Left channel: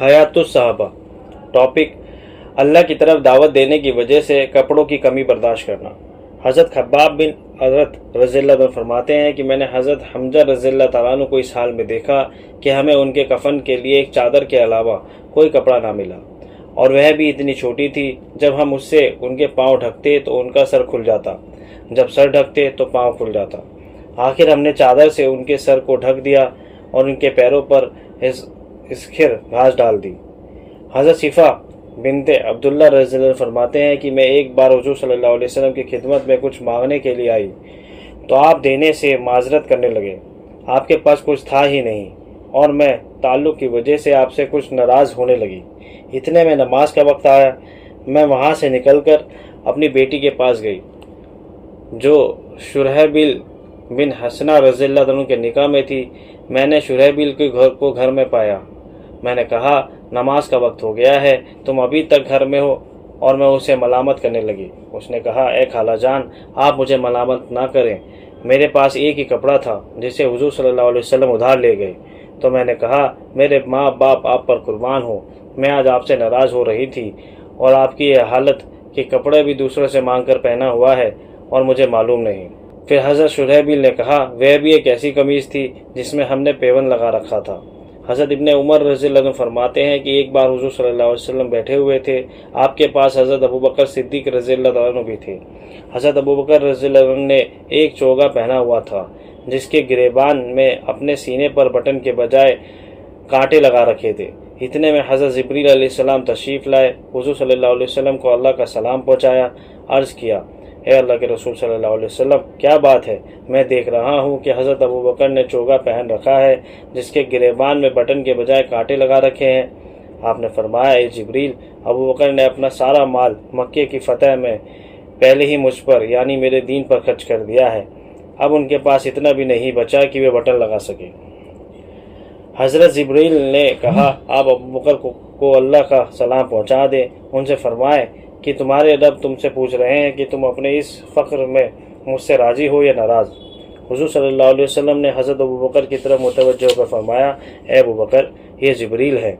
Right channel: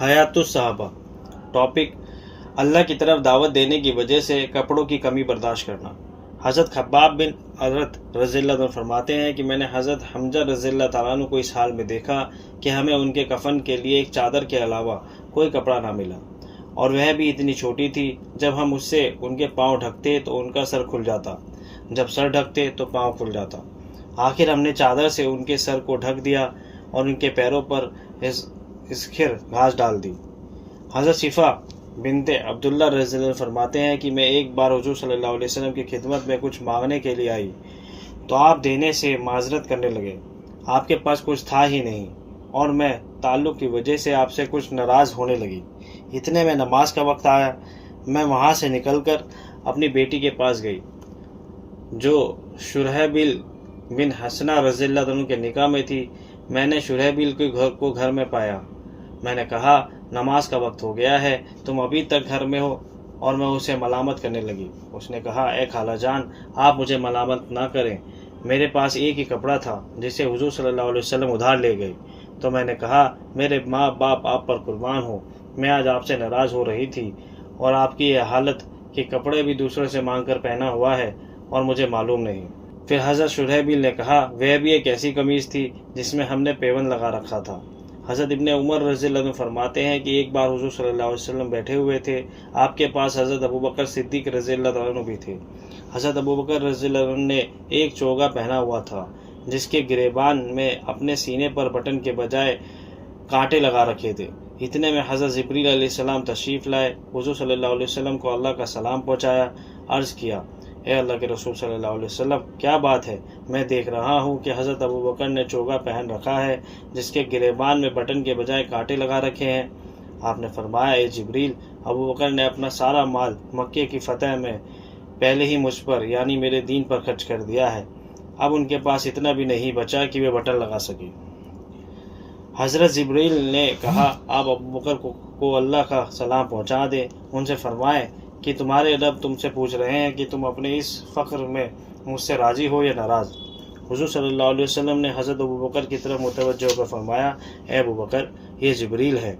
حیات الصحابہ۔ ٹاپک: اللہ کی طرف دعوت دینے کی وجہ سے کپڑوں کی کمی برداشت کرنا۔ حضرت خباب بن عرت رضی اللہ عنہ فرماتے ہیں کہ میں نے حضرت حمزہ رضی اللہ تعالیٰ عنہ کو اس حال میں دیکھا کہ ہمیں ان کے کفن کے لیے ایک چادر کے علاوہ کوئی کپڑا نہ ملا، اور وہ بھی اتنی چھوٹی تھی۔ جب ہم اس سے ان کے پاؤں ڈھکتے تو ان کا سر کھل جاتا، جب سر ڈھکتے تو پاؤں کھل جاتا۔ آخر ہم نے چادر سے ان کے سر کو ڈھک دیا اور ان کے پیروں پر اسکھر گھاس ڈال دی۔ حضرت شفا بنت عبداللہ رضی اللہ عنہ فرماتے ہیں کہ میں ایک بار حضور صلی اللہ علیہ وسلم کی خدمت میں کچھ مانگنے کے لیے آئی تو آپ دینے سے معذرت کرنے لگے۔ آپ کے پاس کچھ تھا ہی نہیں اور میں تعلق کی وجہ سے آپ سے کچھ ناراض ہونے لگی۔ اتنے میں نماز کا وقت آیا۔ میں وہاں سے نکل کر اپنی بیٹی کے پاس گئی جو شرحبیل بن حسنہ رضی اللہ عنہ کے نکاح میں تھی۔ میں نے شرحبیل کے گھر کو گھر میں پایا۔ میں نے کہا، نماز کا وقت ہو گیا ہے، تم ابھی تک گھر میں ہو، اور میں اسے ملامت کرنے لگی۔ اس نے کہا، اے خالہ جان، آپ مجھے ملامت نہ کریں، میرے پاس ایک ہی کپڑا تھا جسے حضور صلی اللہ علیہ وسلم ادھار لے گئے۔ تو میں نے کہا، میرے ماں باپ آپ پر قربان ہو، میں آج آپ سے ناراض ہو رہی تھی، اور آپ کی یہ حالت کہ کپڑے بھی دوسرے سے مانگ کر پہنا ہوا ہے اور مجھے معلوم نہیں۔ پھر حضرت شرحبیل نے کہا، وہ بھی ایک ایسی قمیض تھی جس میں ہم نے پیوند لگا رکھا تھا۔ حضرت ابن عمر رضی اللہ عنہ فرماتے ہیں کہ ایک بار حضور صلی اللہ علیہ وسلم بیٹھے ہوئے تھے، آپ کے پاس حضرت ابوبکر صدیق رضی اللہ عنہ بھی تھے۔ حضرت ابوبکر رضی اللہ عنہ نے ایک چوگا پہنا ہوا تھا جس کے گریبان میں اپنے سینے پر بٹن کے بجائے کانٹے لگا رکھے تھے۔ اتنے میں حضرت جبریل علیہ السلام تشریف لائے، حضور صلی اللہ علیہ وسلم کو اللہ کا سلام پہنچایا، عرض کیا، اے اللہ کے رسول صلی اللہ علیہ وسلم، کیا بات ہے؟ میں دیکھ رہا ہوں کہ حضرت ابوبکر نے چوگا پہن رکھا ہے جس کے گریبان میں بٹن کے بجائے کانٹے لگا رکھے ہیں۔ آپ نے فرمایا، اے جبریل، ابوبکر نے اپنا سارا مال مکے کی فتح میں پہلے ہی مجھ پر یعنی میرے دین پر خرچ کر دیا ہے، اب ان کے پاس اتنا بھی نہیں بچا کہ وہ بٹن لگا سکے۔ حضرت جبریل نے کہا، آپ ابوبکر کو اللہ کا سلام پہنچا دیں، ان سے فرمائیں کہ تمہارے رب تم سے پوچھ رہے ہیں کہ تم اپنے اس فقر میں مجھ سے راضی ہو یا ناراض۔ حضور صلی اللہ علیہ وسلم نے حضرت ابوبکر کی طرف متوجہ ہو کر فرمایا، اے ابوبکر، یہ جبریل ہے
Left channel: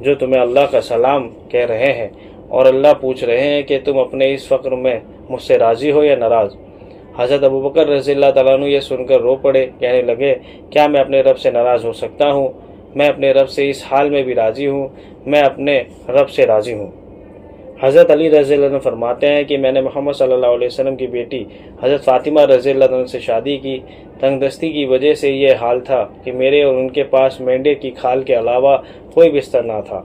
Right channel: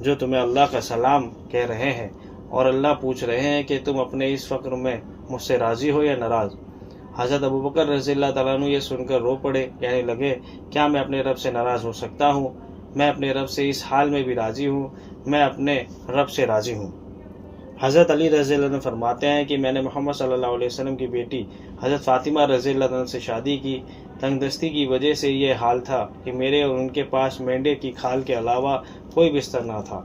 جو تمہیں اللہ کا سلام کہہ رہے ہیں، اور اللہ پوچھ رہے ہیں کہ تم اپنے اس فقر میں مجھ سے راضی ہو یا ناراض۔ حضرت ابوبکر رضی اللہ تعالیٰ عنہ یہ سن کر رو پڑے، کہنے لگے، کیا میں اپنے رب سے ناراض ہو سکتا ہوں؟ میں اپنے رب سے اس حال میں بھی راضی ہوں، میں اپنے رب سے راضی ہوں۔ حضرت علی رضی اللہ عنہ فرماتے ہیں کہ میں نے محمد صلی اللہ علیہ وسلم کی بیٹی حضرت فاطمہ رضی اللہ عنہ سے شادی کی۔ تنگ دستی کی وجہ سے یہ حال تھا کہ میرے اور ان کے پاس مینڈے کی کھال کے علاوہ کوئی بستر نہ تھا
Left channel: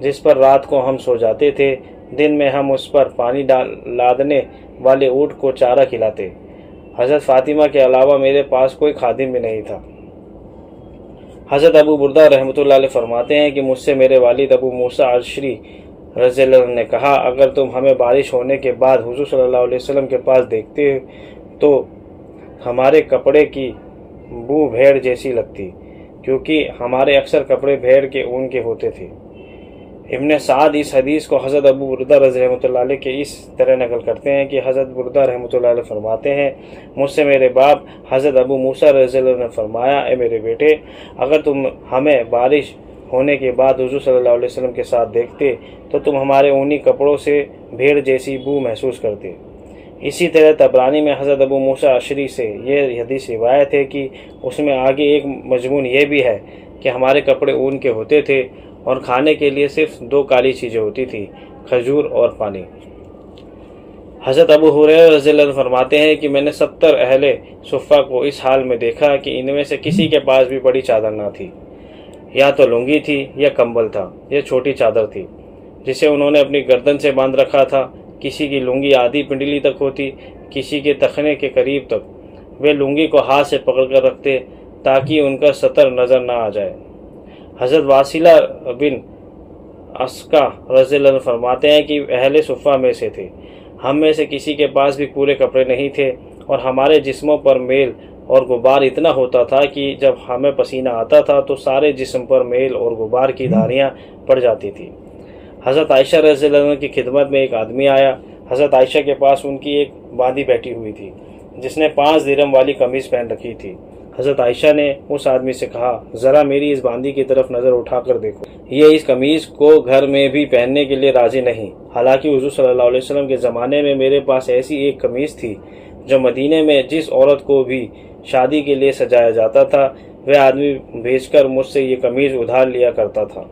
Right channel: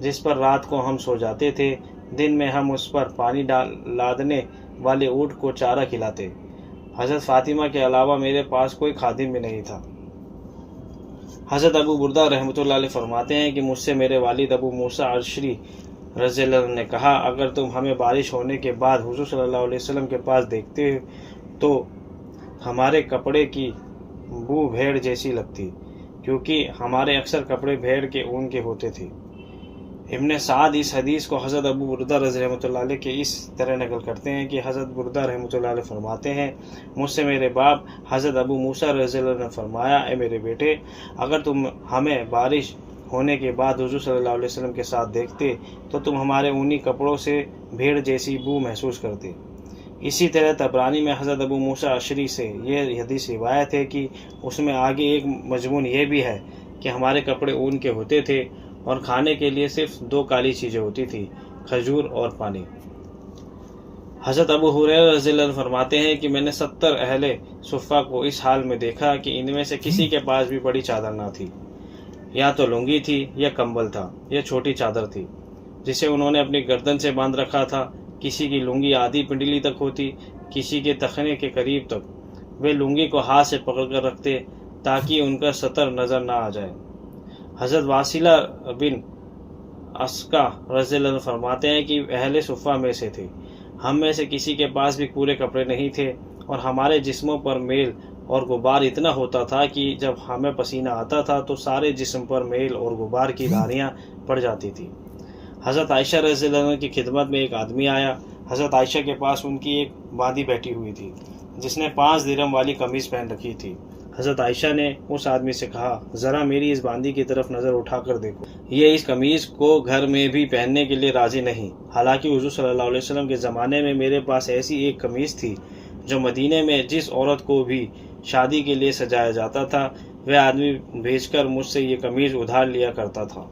جس پر رات کو ہم سو جاتے تھے۔ دن میں ہم اس پر پانی لادنے والے اونٹ کو چارہ کھلاتے۔ حضرت فاطمہ کے علاوہ میرے پاس کوئی خادم بھی نہیں تھا۔ حضرت ابو بردہ رحمۃ اللہ علیہ فرماتے ہیں کہ مجھ سے میرے والد ابو موسیٰ اشعری رضی اللہ عنہ نے کہا، اگر تم ہمیں بارش ہونے کے بعد حضور صلی اللہ علیہ وسلم کے پاس دیکھتے تو ہمارے کپڑے کی بو بھیڑ جیسی لگتی، کیونکہ ہمارے اکثر کپڑے بھیڑ کے اون کے ہوتے تھے۔ ابن سعد اس حدیث کو حضرت ابو بردہ رضی رحمۃ اللہ علیہ کے اس طرح نقل کرتے ہیں کہ حضرت بردہ رحمۃ اللہ علیہ فرماتے ہیں، مجھ سے میرے باپ حضرت ابو موسیٰ رضی اللہ عنہ نے فرمایا، اے میرے بیٹے، اگر تم ہمیں بارش ہونے کے بعد حضور صلی اللہ علیہ وسلم کے ساتھ دیکھتے تو تم ہمارے اونی کپڑوں سے بھیڑ جیسی بو محسوس کرتے۔ اسی طرح طبرانی میں حضرت ابو موسیٰ اشعری سے یہ حدیث روایت ہے کہ اس میں آگے ایک مضمون یہ بھی ہے کہ ہمارے کپڑے اون کے ہوتے تھے اور کھانے کے لیے صرف 2 کالی چیزیں ہوتی تھیں، کھجور اور پانی۔ حضرت ابو ہریرہ رضی اللہ عنہ فرماتے ہیں کہ میں نے 70 اہل صفہ کو اس حال میں دیکھا کہ ان میں سے کسی کے پاس بھی بڑی چادر نہ تھی، یا تو لنگی تھی یا کمبل تھا، یا چھوٹی چادر تھی جسے انہوں نے اپنی گردن سے باندھ رکھا تھا۔ کسی کی لنگی آدھی پنڈلی تک ہوتی، کسی کے تخنے کے قریب تک۔ وہ لنگی کو ہاتھ سے پکڑ کر رکھتے تاکہ ان کا سطر نظر نہ آ جائے۔ حضرت واصلہ بن اسقع رضی اللہ عنہ فرماتے ہیں کہ اہل صفہ میں سے تھے، ہم میں سے کسی کے پاس بھی پورے کپڑے نہیں تھے، اور ہمارے جسموں پر میل اور غبار اتنا ہوتا تھا کہ جب ہمیں پسینہ آتا تھا تو سارے جسم پر میل اور غبار کی دھاریاں پڑ جاتی تھی۔ حضرت عائشہ رضی اللہ عنہ کی خدمت میں ایک آدمی آیا۔ حضرت عائشہ کے پاس ان کی ایک باندھی بیٹھی ہوئی تھی جس نے 5 درہم والی قمیض پہن رکھی تھی۔ حضرت عائشہ نے اس آدمی سے کہا ذرا میری اس باندی کی طرف نظر اٹھا کر دیکھو، یہ اس قمیض کو گھر میں بھی پہننے کے لیے راضی نہیں، حالانکہ حضور صلی اللہ علیہ وسلم کے زمانے میں میرے پاس ایسی ایک قمیض تھی جو مدینے میں جس عورت کو بھی شادی کے لیے سجایا جاتا تھا وہ آدمی بھیج کر مجھ سے یہ قمیض ادھار لیا کرتا تھا۔